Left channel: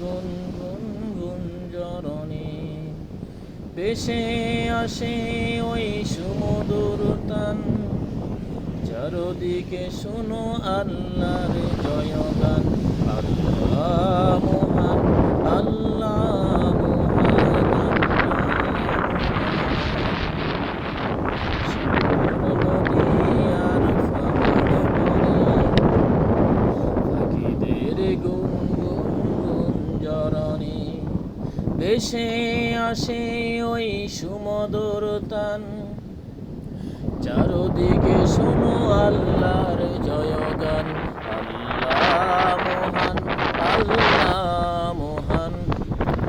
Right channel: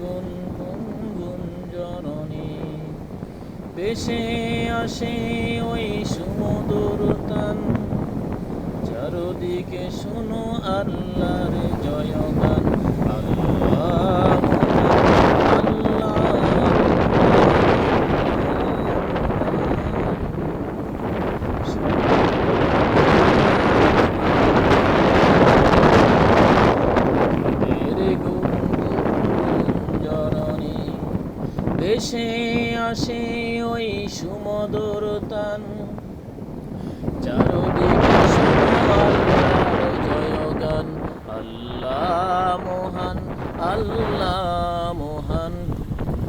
গুনগুন গুঞ্জরণে ভেসে আসে ওই সুমধুর তান। চারদিকে শোনো আল্লাহর জয়গান। আল্লাহ মহান, আল্লাহ গুনগুন গুঞ্জরণে ভেসে আসে ওই সুমধুর তান। চারদিকে শুনো আল্লাহর জয়গান। আল্লাহ মহান, আল্লাহ মহান,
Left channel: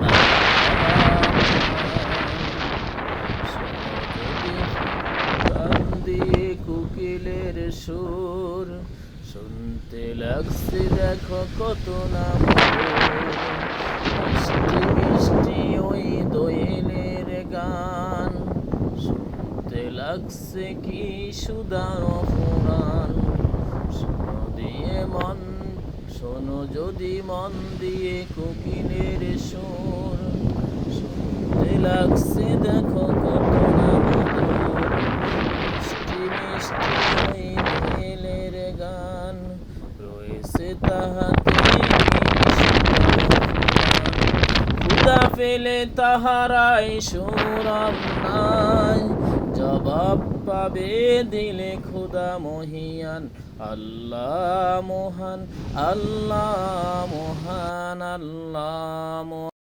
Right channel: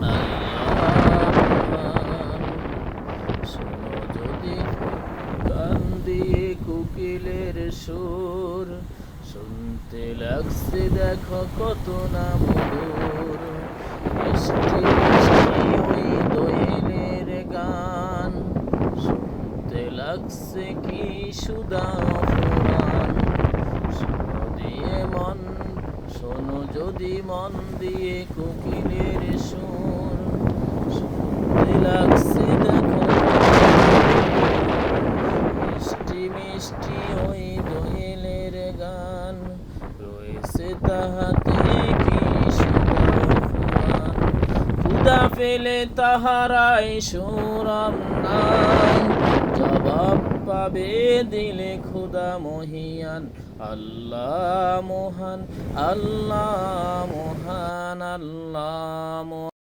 আল্লাহ মহান। শোনো যদি কান দিয়ে কোকিলের সুর, শুনতে লাগছে দেখো কত না মধুর। মিষ্টি মিষ্টি ওই দোয়েলের গান, শুনতে লাগছে কি সুধা অফুরান। শোনো যদি মন দিয়ে কোকিলের সুর, শুনতে লাগছে দেখো কত না মধুর। মিষ্টি মিষ্টি ওই দোয়েলের গান, রয়েছে তাহাতে কি সুধা অফুরান। ক্ষুধা পেলে তাহারাই সুরাম নাই, জবাব পাবে দিলে ক্ষুধা মহিয়ান। আল্লাহ মহান, আল্লাহ মহান, আল্লাহ